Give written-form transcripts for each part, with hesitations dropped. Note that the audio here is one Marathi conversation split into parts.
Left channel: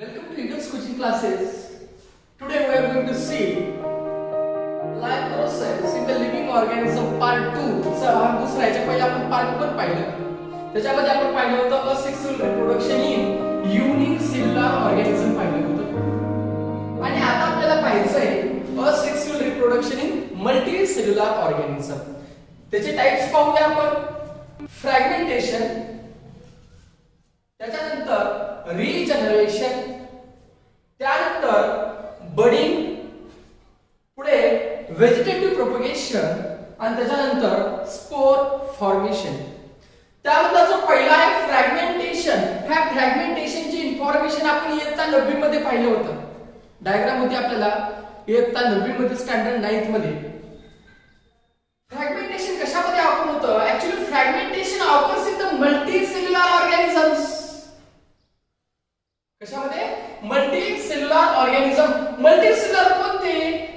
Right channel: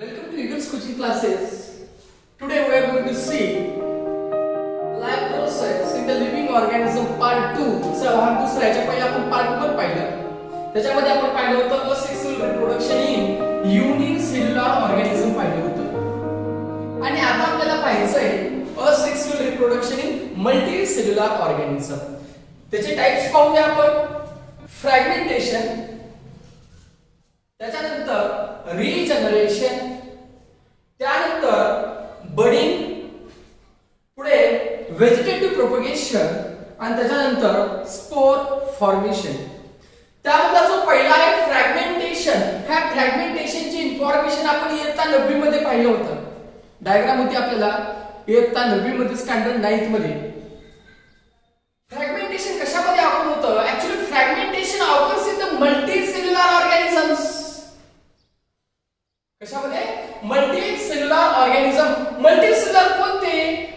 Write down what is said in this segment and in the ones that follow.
Welcome to Eagles coaching classes. Today we are going to see life process in the living organism part 2. भाग दुसरा याच्या पहिले आपण पार्ट 1 पाहिलं. त्याच्यामध्ये आपण पाहिलं होतं asexual reproduction in unicellular organism पाहिलं होतं. आणि आता आपल्याला पाहायचंय asexual reproduction in multicellular organism. त्याचे टाइप्स पाहूया आपण. फ्रॅगमेंटेशन, त्याच्यानंतर रिजनरेशन, त्यानंतर बडिंग, पुढे व्हेजिटेटिव्ह प्रोपगेशन आणि त्याच्यानंतर स्पोर फॉर्मेशन. त्यामध्ये जो पहिला आहे फ्रॅगमेंटेशन. ह्या फ्रॅगमेंटेशनची इन्फॉर्मेशन आपण इयत्ता 9वी मध्ये पाहिलं होतं. डायग्राम होती आपल्याला इयत्ता 9वी मध्ये स्टँडर्ड 9th मध्ये. फ्रॅगमेंटेशन कशामध्ये आपण होतं? Actually fragmentation occurs in the multicellular organisms. कशामध्ये? Multicellular organism. मल्टीसेल्युलर कोणते?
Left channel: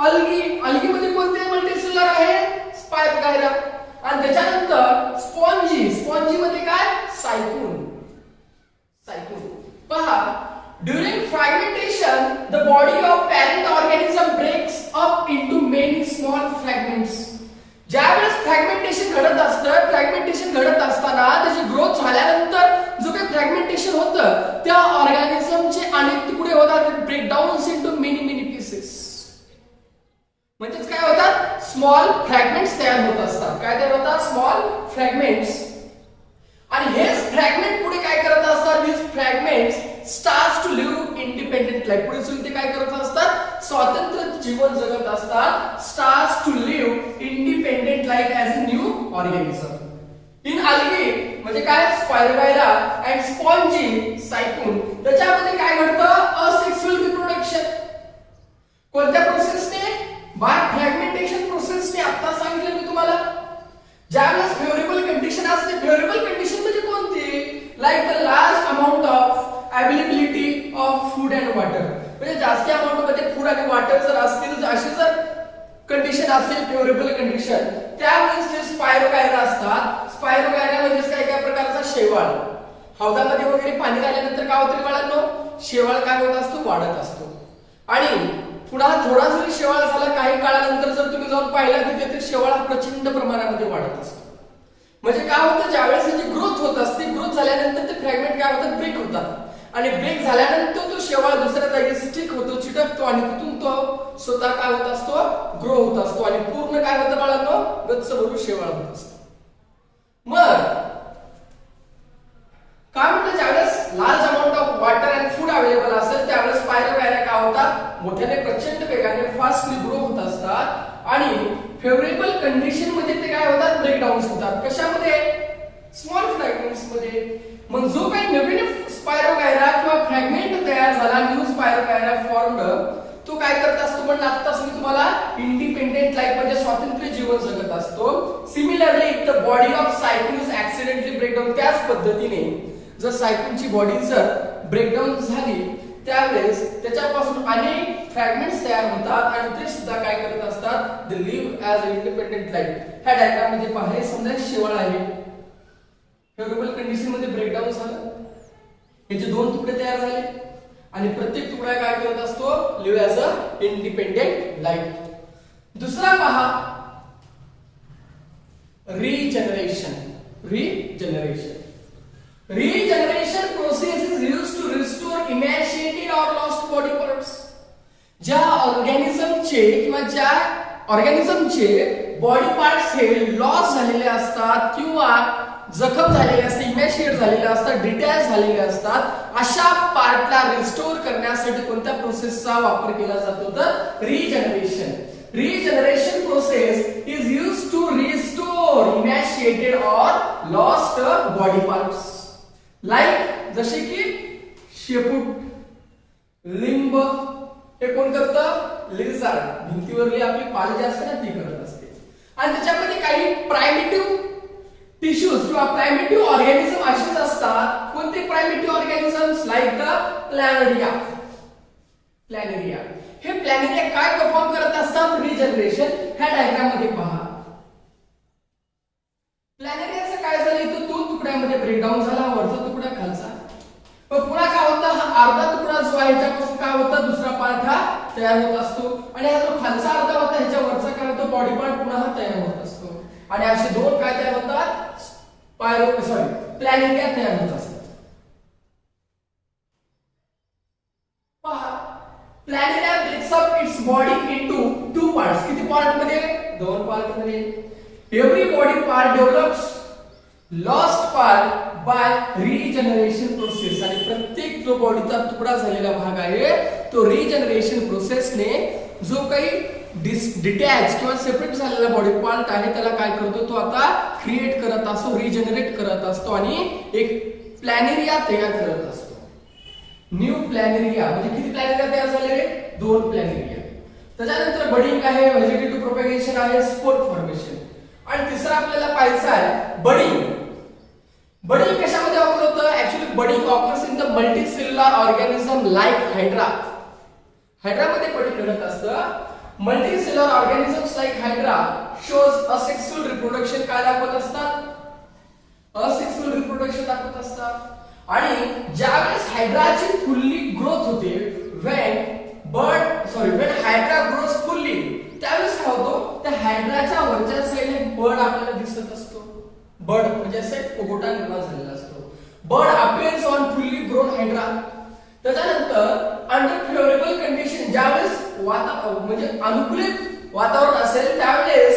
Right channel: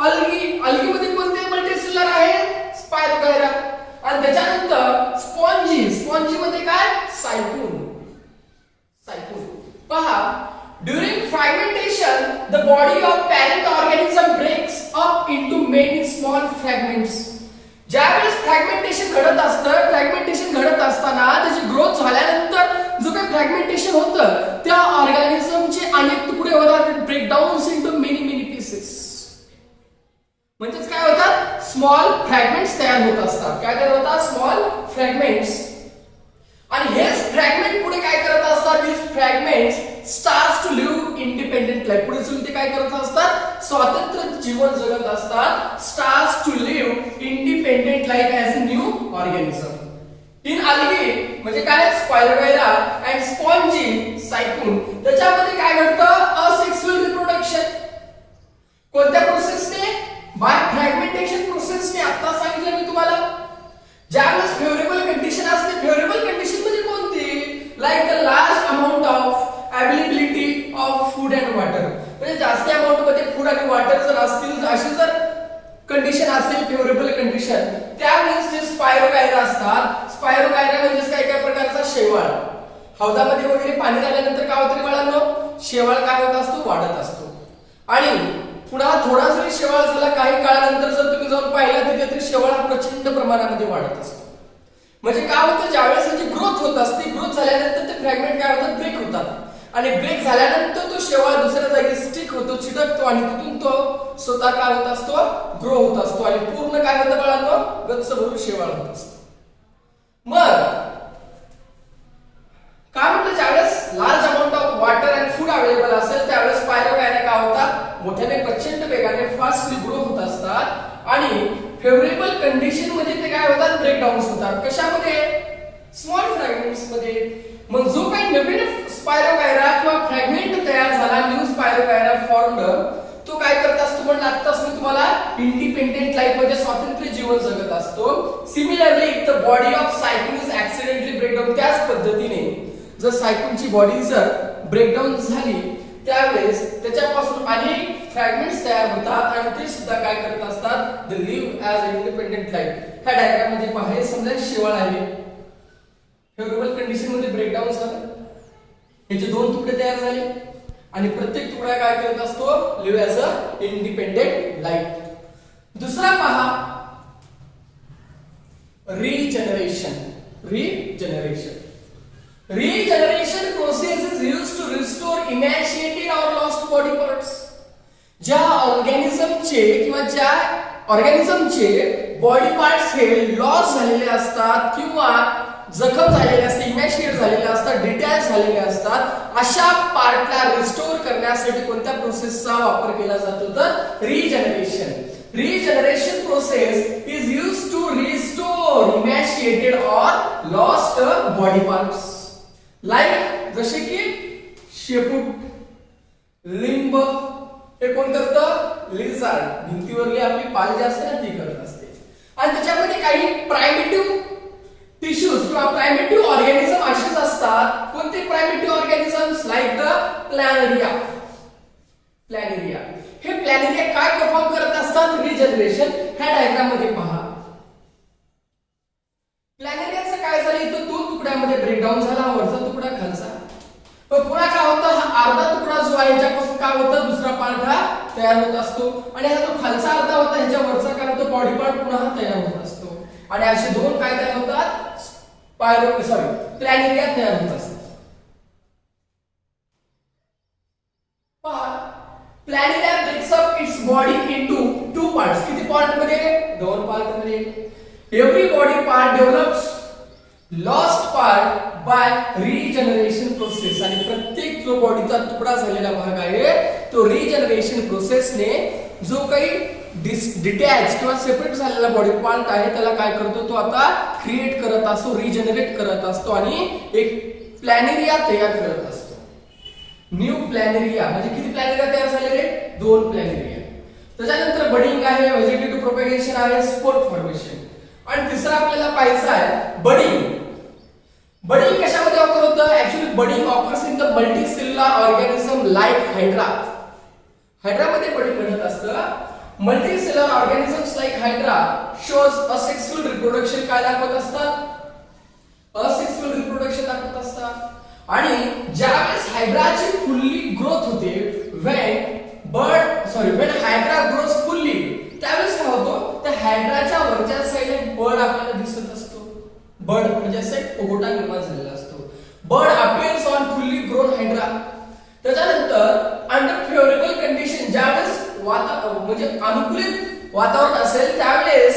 अल्गी. अल्गी मध्ये कोणते मल्टीसेल्युलर आहे? स्पायरोगायरा. आणि त्याच्यानंतर स्पॉन्जी. स्पॉन्जी मध्ये काय? सायकून. सायकून. पहा, during fragmentation the body of parent organism breaks up into many small fragments. ज्यावेळेस फ्रॅगमेंटेशन घडत असतं, फ्रॅगमेंटेशन घडत असताना त्याची ग्रोथ झाल्यानंतर जो काही फ्रॅगमेंटेशन होतं त्या ऑर्गॅनिझमचे अनेक तुकडे होतात. Breakdowns into many pieces. म्हणजेच काय होतात? स्मॉल फ्रॅगमेंट्स तयार होत असतात. काय तयार होतात? Small fragments. आणि हेच फ्रॅगमेंट पुढे काय करत असतात? This fragments starts to live independent life. पुढे सुद्धा ते काय करत असतात? स्वतंत्र जीवन जगत असतात. Starts to live independent life as a new organism. In algae म्हणजे काय? Spirogyra and spongy Sycon. त्याच्यामध्ये काय घडतं? Asexual reproduction. कोणत्या प्रोसेसने? Bye fragmentation प्रोसेसने. आता सांगितलं मी तुम्हाला. ज्यावेळेस फेवरेबल कंडिशन असते. फेवरेबल कंडिशन म्हणजे कोणती? Like the large amount of availability of food and water. म्हणजे जास्त अमाउंट मध्ये फूड आणि वॉटर जर असतील, अशी जर कंडिशन असेल फेवरेबल कंडिशन, त्यावेळेस ते स्पायरोगायरा असतात. स्पायरोगायरा म्हणजे काय प्रकारचा? शेवाळ. हौदामध्ये वगैरे पाणी आल्यानंतर काय होतं बाळांनो? शेवाळ काय होत असतो? वाढत असतो. आणि पुन्हा थोडा जरी शेवाळ झाला, काही काळानंतर जर तुम्ही जाऊन पाहिला तर ते शेवाळ हा प्रचंड प्रमाणामध्ये वाढत असतो. म्हणजे काय होतं? ज्यावेळेस त्याची ग्रोथ होत असते, ग्रोथ झाल्यानंतर ते फ्रॅगमेंट काय होतात? ब्रेक होतात. आणि ब्रेक झाल्यानंतर तो शेवाळ दुसऱ्या जागी स्टिक होतो, चिटकतो आणि तिथून तो स्वतः काय होत असतो? ग्रो होत असतो. आणि पूर्ण काय होतं बाळांनो? गच्च भरून शेवाळ होत असतो. मग काय म्हटलं? ज्यावेळेस large amount of water and food available असेल त्यावेळेस स्पायरोगायरा काय होतात? मोठ्याने प्रचंड वेगाने फास्टली ग्रो होत असतात. आणि फेवरेबल कंडिशन मध्ये ते काय होतात? ब्रेकडाऊन्स होतात. कशामध्ये? स्मॉल फ्रॅगमेंट्स मध्ये. मग जो काही नवीन स्पायरोगायरा किंवा फ्रॅगमेंट तयार झाला, न्यू स्पायरोगायरा फॉर्मड, तो काय करत असतो? म्हणलं आत्ताच मी तुम्हाला, इंडिपेंडेंट लाईफ मध्ये स्वातंत्र्य जीवन जगत असतो. Similarly if the body of Sycon is accidentally breakdown. त्याच पद्धतीने जर सायकूनची बॉडी जर ब्रेकडाऊन झाली त्यावेळेस त्याच्यापासून अनेक फ्रॅगमेंट्स तयार होतात आणि ते सुद्धा काय करत असतात? They live as a independent life. ह्या डायग्राम मध्ये पहा, हे समजा शेवाळ आहे. फेवरेबल कंडिशन मध्ये ब्रेकडाऊन झालं, याचे 2 तुकडे तयार झाले आणि प्रत्येक तुकडा काय करत असतो? Live as a independent life. दुसरा पहा, regeneration. Regeneration. Regeneration process is used to restore emaciated or lost body parts. ज्या ऑर्गॅनिझमचे किंवा ज्या ऑर्गॅनिझमचे बॉडी पार्ट्स हे लॉस झालेले असतात किंवा जखम झालेले असते, इमॅशिएट झालेले असतात, डिटॅच झालेले असतात, अशा पार्टला रिस्टोर करण्यासाठी कोणत्या प्रोसेसचा वापर केला जातो? तर regeneration. Regeneration process is used to restore emaciated or lost body parts. Like जसे की शेपूट, लिंब, हे कोण करतं? लिझार्ड. भिंतीवरली आपली पाल जी असते ना ती करत असते. आणि त्याच्यामध्ये काही प्रायमेटिव्ह टिश्यूज किंवा प्रायमेटिव्ह ऑर्गॅनिझम असेच असतात. कोणते primitive organisms? Like the Planaria. Planaria. हे प्लॅनेरिया काय परफॉर्म करत असतात? रिजनरेशन. ह्या डायग्राम मध्ये पहा. प्लॅनेरियाचं काय झालं? इथं 2 तुकड्यामध्ये ब्रेकडाऊन झाला, वरचा तुकडा खालचा. पण पुन्हा काय होतं? हा अर्धा तुकडा जो आहे ह्याच्यापासून काय होतं दुसरा पार्ट हा तयार होत असतो आणि हा जो खालचा अर्धा होता ह्याच्या वरचा काय होतो बॉडी पार्ट पुन्हा हा तयार होत असतो आणि असे दोन काय तयार होतात प्लॅनेरिया तयार होत असतात. पहा planaria breaks up its body into two parts. किती पार्ट मध्ये दोन पार्ट मध्ये. Every body part develops lost part by regeneration process आणि प्रत्येक जो बॉडीचा तुकडा झालेला भाग आहे तो रिजनरेशन प्रोसेसने जो काही डिटॅच किंवा सेपरेट झालेला बॉडी पार्ट आहे त्याला काय करतो तो आता क्रिएट करत असतो रिजनरेट करत असतो आणि एक प्लॅनेरिया तयार करत असतो. न्यू प्लॅनेरिया म्हणजे किती प्लॅनेरिया तयार झाले रे दोन प्लॅनेरिया. त्याच्यानंतर बडिंग आहे व्हेजिटेटिव्ह प्रोपगेशन आहे स्पोर फॉर्मेशन आणि तिसरा आपल्याला पाहायचा आहे बडिंग. बडिंग कशामध्ये ऑकर होतं actually budding occurs in the multicellular organism like Hydra. हायड्रामध्ये बडिंग घडत असतं. Multicellular organisms like Hydra shows asexual reproduction काय दाखवत असतात असेक्सुअल रिप्रोडक्शन दाखवत असतात आणि ज्यावेळेस हायड्राची फुल्ली ग्रोथ होते when हायड्रा ग्रोज फुल्ली त्यावेळेस काय होतो त्या हायड्राच्या वरच्या साईडला बर्ड आपल्याला दिसत असतो. बर्ड म्हणजे असं एक पोगोटा निर्माण झालेला असतो. Bird appears on fully grown hydra. त्याच्यानंतर अंडर फेवरेबल कंडिशन ज्यावेळेस म्हणजे अनुकूलित वातावरण असेल त्यावेळेस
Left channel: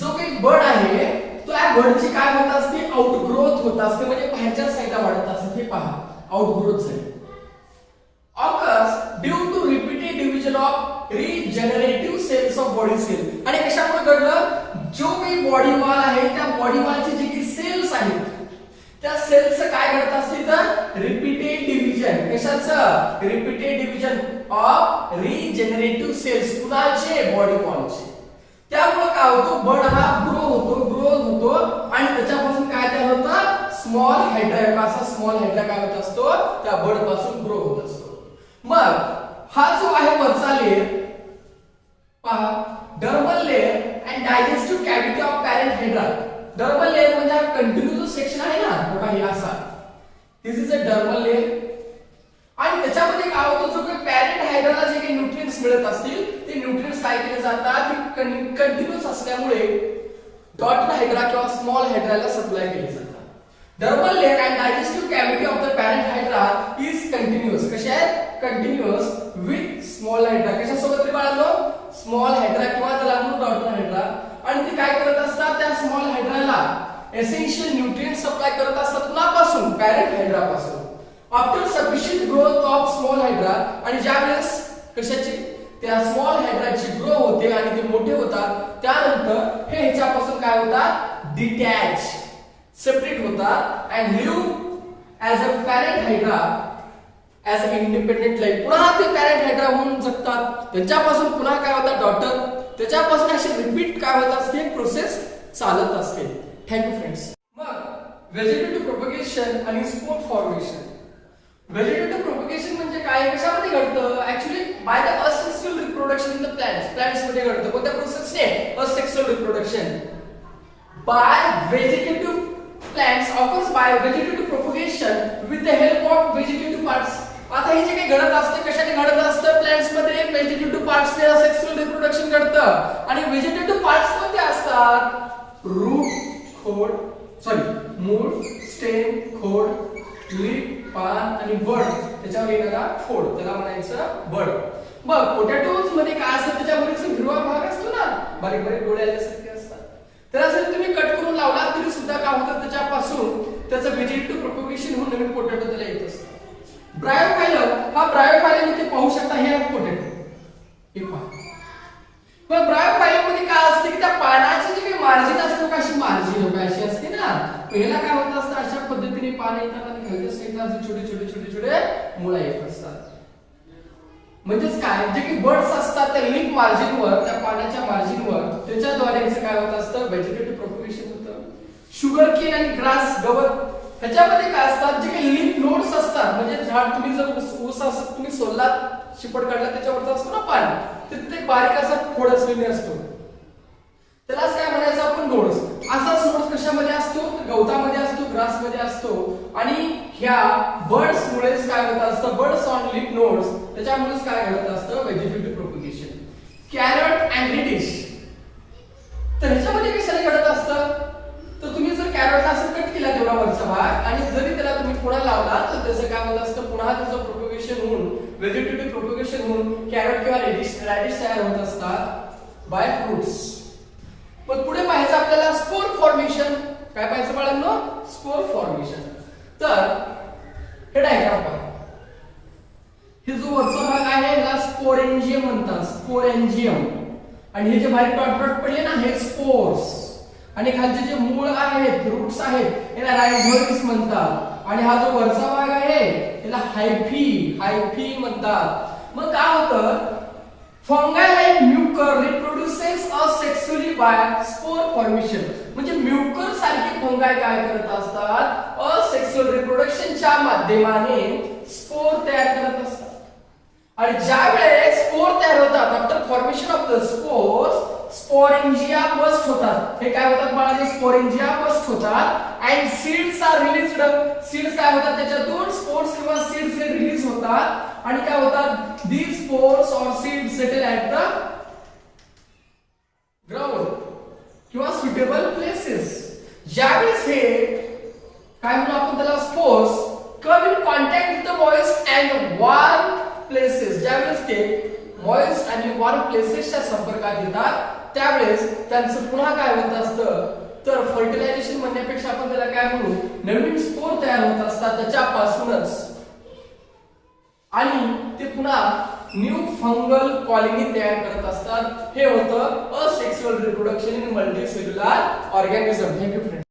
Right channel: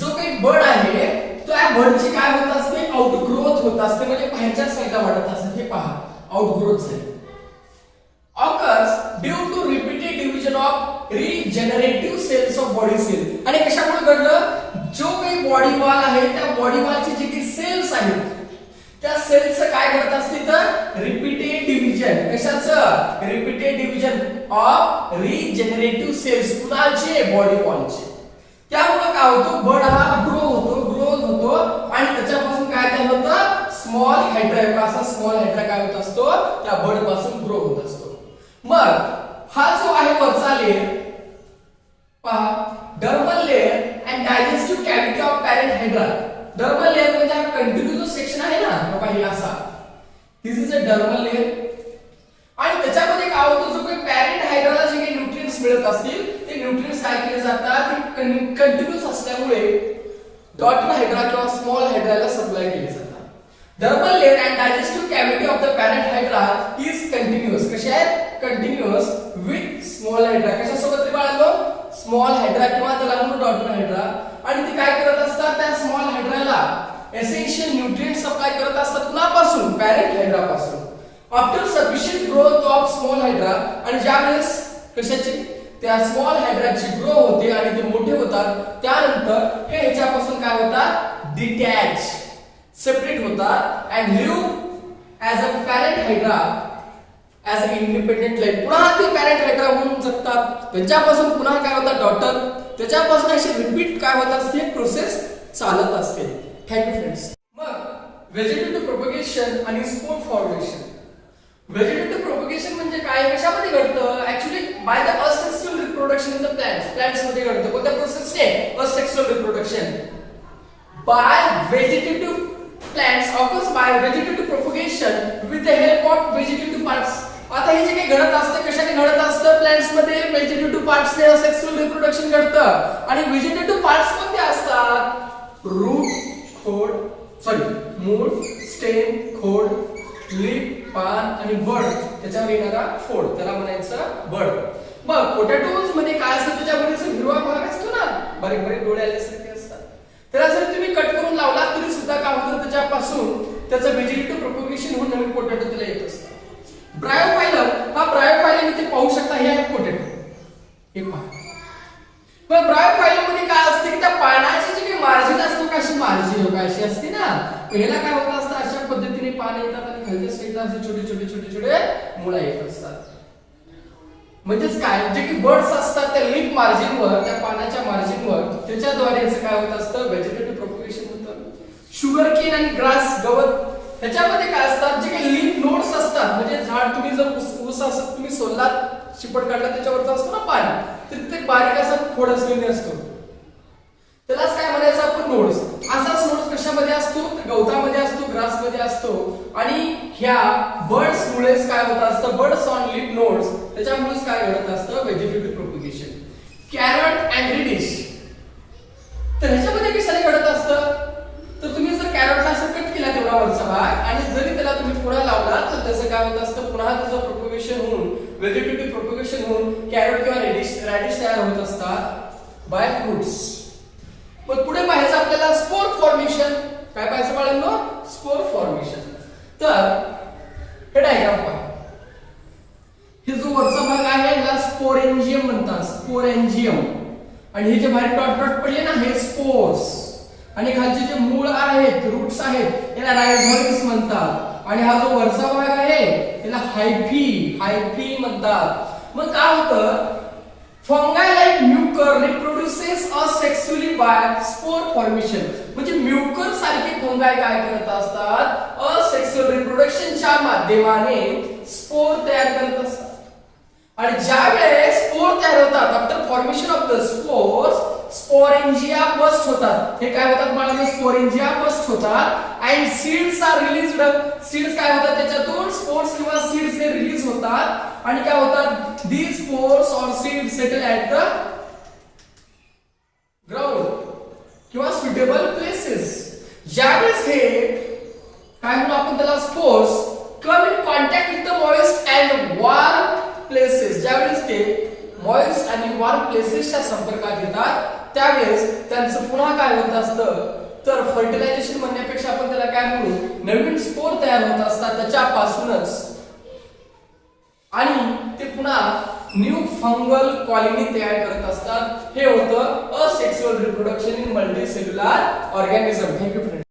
जो काही बर्ड आहे त्या बर्डची काय होत असते आउटग्रोथ होत असते म्हणजे बाहेरच्या साईडला वाढत असते. हे पहा आउटग्रोथ झाली. Occurs due to repeated division of regenerative cells of body cell. आणि कशामुळे घडलं जो काही बॉडी वॉल आहे त्या बॉडी वॉलचे जे काही सेल्स आहेत त्या सेल्सचं काय घडत असते तर रिपीटेड डिव्हिजन. कशाचं repeated division of regenerative cells कुणाचे बॉडी वॉलचे. त्यामुळे काय होतो बर्ड हा ग्रो होतो आणि त्याच्यापासून काय तयार होतं स्मॉल हायड्रा. असा स्मॉल हायड्रा काय होत असतो त्या बर्ड पासून ग्रो होत असतो. मग हा जो आहे वरचा लेअर पहा dermal layer and digestive cavity of parent hydra. Dermal layer म्हणजे हा कंटिन्यू जो सेक्शन आहे ना पहिला असा दिस इज अ डर्मल लेअर आणि त्याच्यामध्ये काय होतं जो काही पॅरेंट हायड्राला जे काही न्यूट्रिएंट्स मिळत असतील ते न्यूट्रिएंट्स काय केले जातात ते कंटिन्यूअस असल्यामुळे डॉटर हायड्रा किंवा स्मॉल हायड्राला सप्लाय केले जातात. Dermal layer and digestive cavity of the parent hydra is continuous. कशा आहेत कंटिन्यूअस विथ स्मॉल हायड्रा. कशासोबत रे बाळांनो स्मॉल हायड्रा किंवा त्याला म्हणून डॉटर हायड्रा आणि ते काय करत असतात त्या स्मॉल हायड्राला एसेन्शियल न्यूट्रिएंट सप्लाय करत असतात कुणापासून पॅरेंट हायड्रा पासून. After sufficient growth of small hydra आणि ज्यावेळेस कशाचे त्या स्मॉल हायड्राची ग्रो होते आणि ते मोठे होतात त्यानंतर हे ह्याच्यापासून काय होतात डिटॅच सेपरेट होतात and live as a parent hydra as a independent life. पुन्हा ते पॅरेंट हायड्रा होऊन जगतात. त्यांच्यापासून पुन्हा काय होतात डॉटर त्याच्यापासून अशी रिपीट काय होत असते प्रोसेस चालत असते. Thank you friends. मग व्हेजिटेटिव्ह प्रोपगेशन आणि स्पोर फॉर्मेशन. व्हेजिटेटिव्ह प्रोपगेशन म्हणजे काय कशामध्ये घडतं actually by the asexual reproduction in the plants मध्ये घडतं. कोणत्या प्रोसेसने asexual reproduction by vegetative plants occurs by vegetative propagation with the help of vegetative parts. आता हे जे काही घडत असतं कशाने घडत असतं प्लांट्स मध्ये व्हेजिटेटिव्ह पार्ट्स ने असेक्सुअल रिप्रोडक्शन घडतं आणि व्हेजिटेटिव्ह पार्ट्स कोणते असतात रूट खोड मूळ स्टेम खोड लीफ पान आणि बड त्याच्यावर येणारा खोड त्याला म्हणायचं बड. मग पोटॅटोज मध्ये काय असतं त्याच्यामध्ये हिरवा भाग असतो ना बारीक बारीक डोळे आल्यासारखे असतात. त्याला जर तुम्ही कट करून लावला तरी सुद्धा काय होतं त्याच्यापासून त्याचं व्हेजिटेटिव्ह प्रोपगेशन होऊन नवीन पोटॅटो त्याला येत असतं. ब्रायोफायलम हा ब्रायोफायलम इथे पाहू शकता हे आहे पोटॅटो. हे पहा मग ब्रायोफायलम मध्ये काय असते की त्या पानाची जी काही मार्जिन असतो कशी मार्जिन अशी असते ना पहिला काय होत असतं अशा पद्धतीने पान येतात आणि खालच्या साईडला असे छोटे मुळा येत असतात. म्हणजेच काय जे की बर्ड्स असतात त्या लीफ मार्जिनवर त्या पानाच्या मार्जिनवर त्याच्याद्वारे असं काय होत असतं व्हेजिटेटिव्ह प्रोपगेशन होतं. शुगर केन आणि ग्रास गवत ह्याच्यामध्ये काय असतात जे काही लीफ नोड्स असतात म्हणजे झाड तुम्ही जर ऊस असत तुम्ही सोललात शिपट काढला त्याच्यावरचा असतो ना पान तर तिथे बारीक असा फोड असलेले असतो त्यालाच काय म्हणायचं आपण नोड्स. असाच नोड्स कशामध्ये असतो, गवतामध्ये असतो, ग्रासमध्ये असतो. आणि ह्या बर्ड्स मुळेच काय होत असतं, बर्ड्स ऑन लीफ नोड्स, त्याच्यामुळेच काय घडत असतं, vegetative propagation. Carrot and radish, तर ह्याच्यामध्ये कशाला घडत असतं, तर तुम्ही जर कॅरटला असं कट केला तेवढा वरचा भाग आणि जरी त्याला तुम्ही पुन्हा लावला तर त्याचं काय होत असतं, पुन्हा त्याचं प्रोपगेशन होऊन व्हेजिटेटिव्ह प्रोपगेशन होऊन कॅरट किंवा रेडिश तयार होत असतात बाय फ्रुट्स. मग पुढे पाहायचं आपल्याला स्पोर फॉर्मेशन. काय पाहायचं बाळांनो, स्पोर फॉर्मेशन. तर हे डायग्राम पहा, हे जो वरचा भाग आहे ह्याला स्पोरेंजियम म्हणतात, स्पोरेंजियम. आणि हे जे बाहेर डॉट डॉट पडले ना हे स्पोर्स. आणि खालचे जे मूळ आहेत, रूट्स आहेत, याला रायझोइड्स म्हणतात. आणि हा जो वरचा भाग आहे याला हायफी म्हणतात. मग काय होतं, fungi like Mucor reproduces asexually by spore formation. म्हणजे म्युकर सारखे फंगाई काय करत असतात, असेक्सुअल रिप्रोडक्शनच्या माध्यमाने स्पोर तयार करत असतात. आणि ज्या वेळेस स्पोर तयार होतात, after formation of the spores, sporangia burst होतात. हे काय होतात बाळांनो, स्पोरेंजिया बस्ट होतात. And seeds are released. Seeds काय होतात, त्याच्यातून स्पोर्स किंवा सीड्स हे रिलीज होतात. आणि काय होतात, दीज स्पोर्स और seeds settle at the ground किंवा सुटेबल प्लेसेस. ज्यावेळेस हे काय म्हणू आपण त्याला, spores come in contact with the moist and warm places. ज्यावेळेस ते मॉइस्ट आणि वार्म प्लेसेसच्या संपर्कात येतात त्यावेळेस त्यांचं पुन्हा काय होत असतं, तर फर्टिलायझेशन म्हणण्यापेक्षा आपण त्याला काय म्हणू, नवीन स्पोर तयार होत असतात त्याच्यापासूनच. आणि ते पुन्हा न्यू फंगल कॉलनी तयार करत असतात. हे होतं asexual reproduction in multicellular organism. Thank you friend.